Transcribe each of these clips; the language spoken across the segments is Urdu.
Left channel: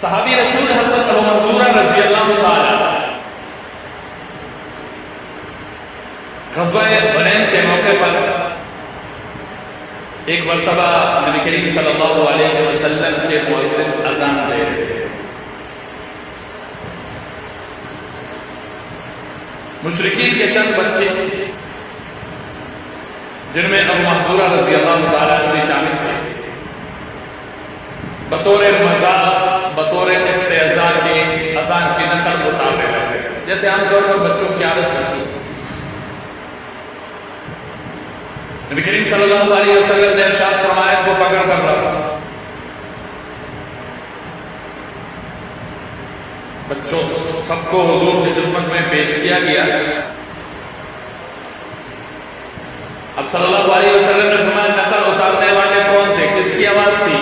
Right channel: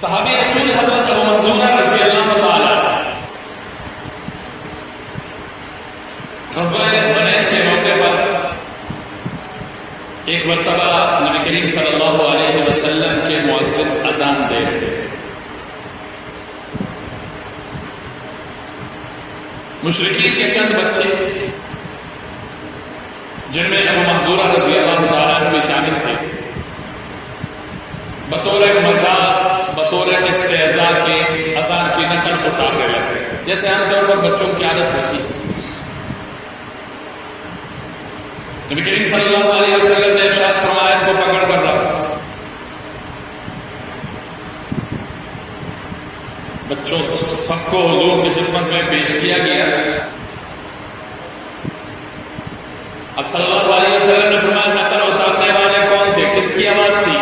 صحابی رسول حضرت ابو محذورہ رضی اللہ تعالی غزوہ حنین کے موقع پر ایک مرتبہ نبی کریم صلی اللہ علیہ وسلم کے مؤذن اذان دے رہے تھے. مشرکین کے چند بچے جن میں ابو محذورہ رضی اللہ تعالیٰ عنہ بھی شامل تھے بطور مذاق بطور استہزاء کے اذان کی نقل اتارنے لگے جیسے عام طور پر بچوں کی عادت ہوتی ہے. نبی کریم صلی اللہ علیہ وسلم نے ارشاد فرمایا ان کو پکڑ کر رکھا. بچوں سب کو حضور کی خدمت میں پیش کیا گیا. اب صلی اللہ علیہ وسلم نے فرمایا نقل اتارنے والے کون تھے, کس کی آواز تھی؟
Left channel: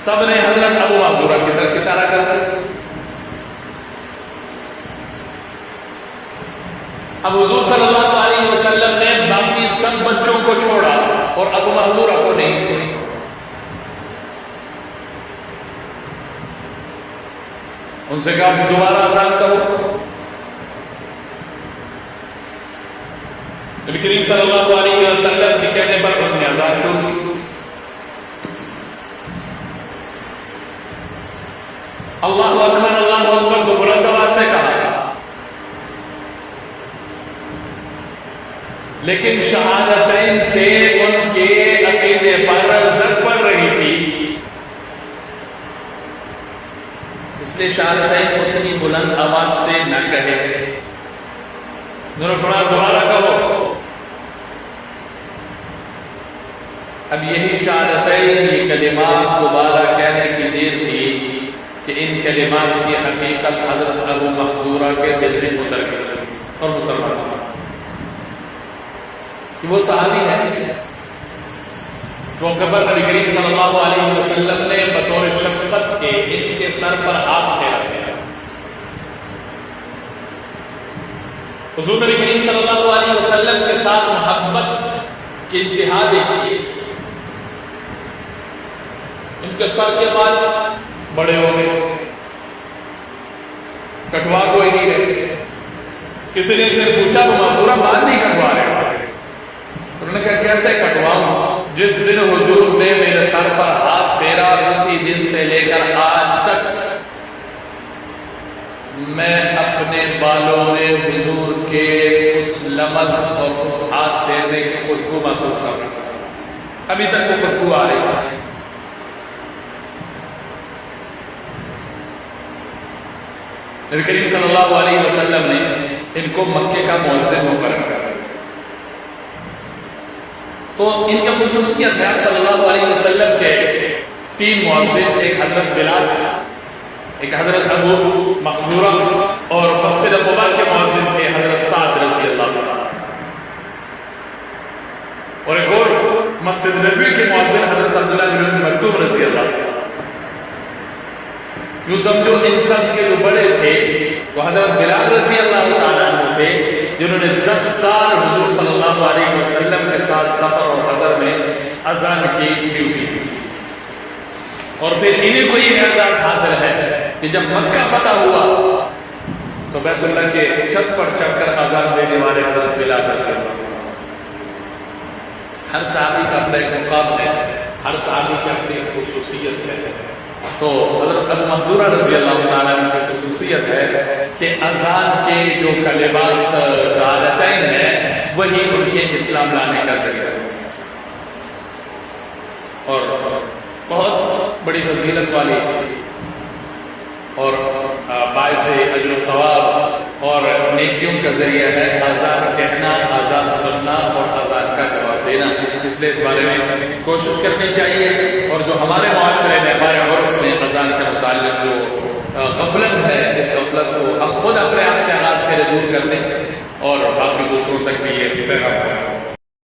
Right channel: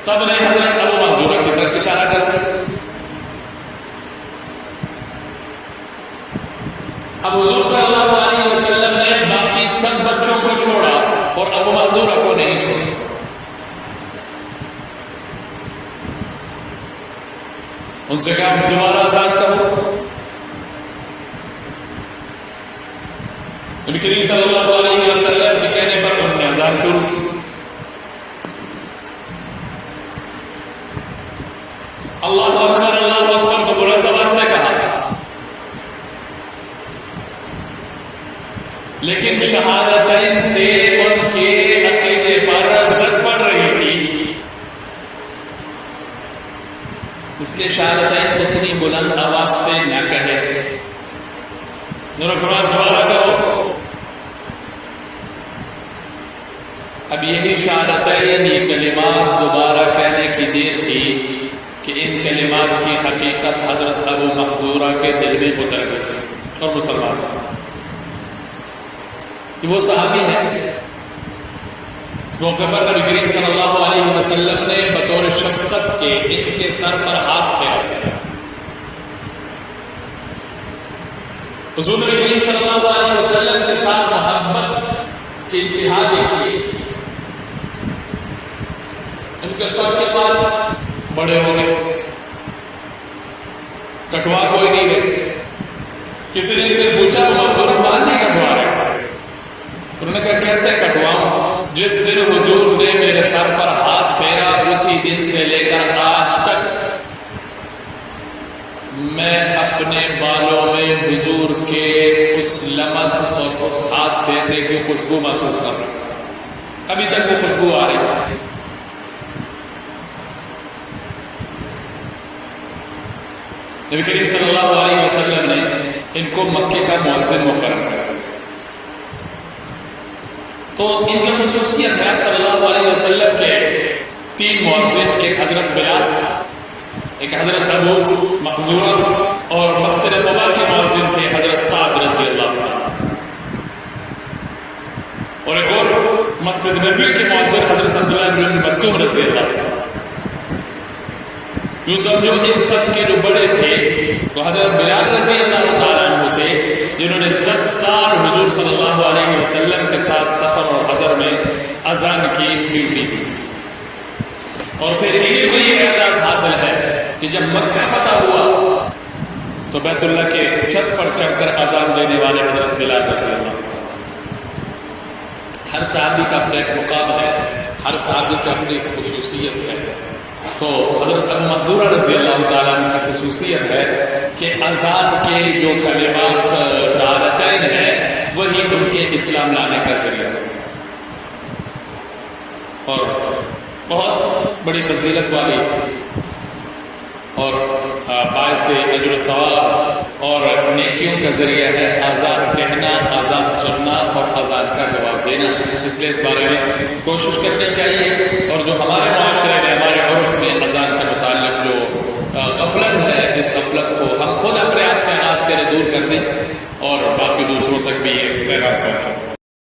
سب نے حضرت ابو محذورہ کی طرف اشارہ کر دیا. اب حضور صلی اللہ علیہ وسلم نے باقی سب بچوں کو چھوڑا اور ابو محذورہ کو نہیں چھوڑا. ان سے کہا دوبارہ اذان کرو. نبی کریم صلی اللہ علیہ وسلم کے کہنے پر انہوں نے اذان شروع کی. اللہ اکبر تو بلند آواز سے کہا, لیکن شہادتین سے ان کے عقیدے پر زد پڑ رہی تھی, اس لیے شہادتین اتنی بلند آواز سے نہ کہے. انہوں نے فرمایا دوبارہ کہو. اب یہی شہادتین یہ کلمات دوبارہ کہنے کی دیر تھی کہ ان کلمات کی حقیقت حضرت ابو محذورہ کے دل میں اتر گئی اور مسلمان ہوئے. وہ صحابی ہے. اس موقع پر نبی کریم صلی اللہ علیہ وسلم نے بطور شفقت کے ان کے سر پر ہاتھ پھیرا تھا. حضور نبی کریم صلی اللہ علیہ وسلم کے ساتھ محبت کی انتہا دیکھیے. ان کے سر کے بال بڑے ہو گئے, کٹوا کوئی نہیں رہے. کسی نے ایک دن پوچھا وہ محذورہ بال نہیں کٹوا رہے. انہوں نے کہا کیسے کٹواؤں؟ جس دن حضور نے میرے سر پر ہاتھ پھیرا اسی دن سے لے کر آج تک میں اپنے بالوں میں حضور کے اس لمس اور اس ہاتھ پھیرنے کی خوشبو محسوس کر رہا ہوں. ابھی تک وہ خوشبو آ رہی ہے. نبی کریم صلی اللہ علیہ وسلم نے ان کو مکے کا مؤذن مقرر کیا. تو ان کی خصوصیت ہے صلی اللہ علیہ وسلم کے 3 مؤذن, ایک حضرت بلال, ایک حضرت ابو محذورہ اور مسجد قباء کے مؤذن تھے حضرت سعد رضی اللہ عنہ, اور ایک اور مسجد نبوی کے مؤذن حضرت عبداللہ بن مکتوم رضی اللہ عنہ. یوں سمجھو ان سب کے جو بڑے تھے وہ حضرت بلال رضی اللہ تعالیٰ عنہ تھے جنہوں نے 10 سال حضور صلی اللہ علیہ وسلم کے ساتھ سفر اور حضر میں اذان کی ڈیوٹی دی. اور پھر انہیں کو یہ اعزاز حاصل ہے کہ جب مکہ فتح ہوا تو بیت اللہ کے چھت پر چڑھ کر اذان دینے والے حضرت بلال رضی اللہ تعالیٰ. ہر صحابی کا اپنا ایک مقام ہے, ہر صحابی کی اپنی ایک خصوصیت ہے. تو حضرت ابو محذورہ رضی اللہ تعالیٰ عنہ کی خصوصیت ہے کہ اذان کے جو کلمات شہادتین ہیں وہی ان کے اسلام لانے کا ذریعہ ہے, اور بہت بڑی فضیلت والی اور باعث اجر و ثواب اور نیکیوں کا ذریعہ ہے اذان کہنا, اذان سننا اور اذان کا جواب دینا. اس لیے اس بارے میں کوشش کرنی چاہیے, اور جو ہمارے معاشرے میں ہمارے عرف میں اذان کے متعلق جو غفلت ہے اس غفلت کو ہم خود اپنے آپ سے آغاز کریں, دور کر دیں اور باقی دوسروں تک بھی یہ پیغام پہنچے.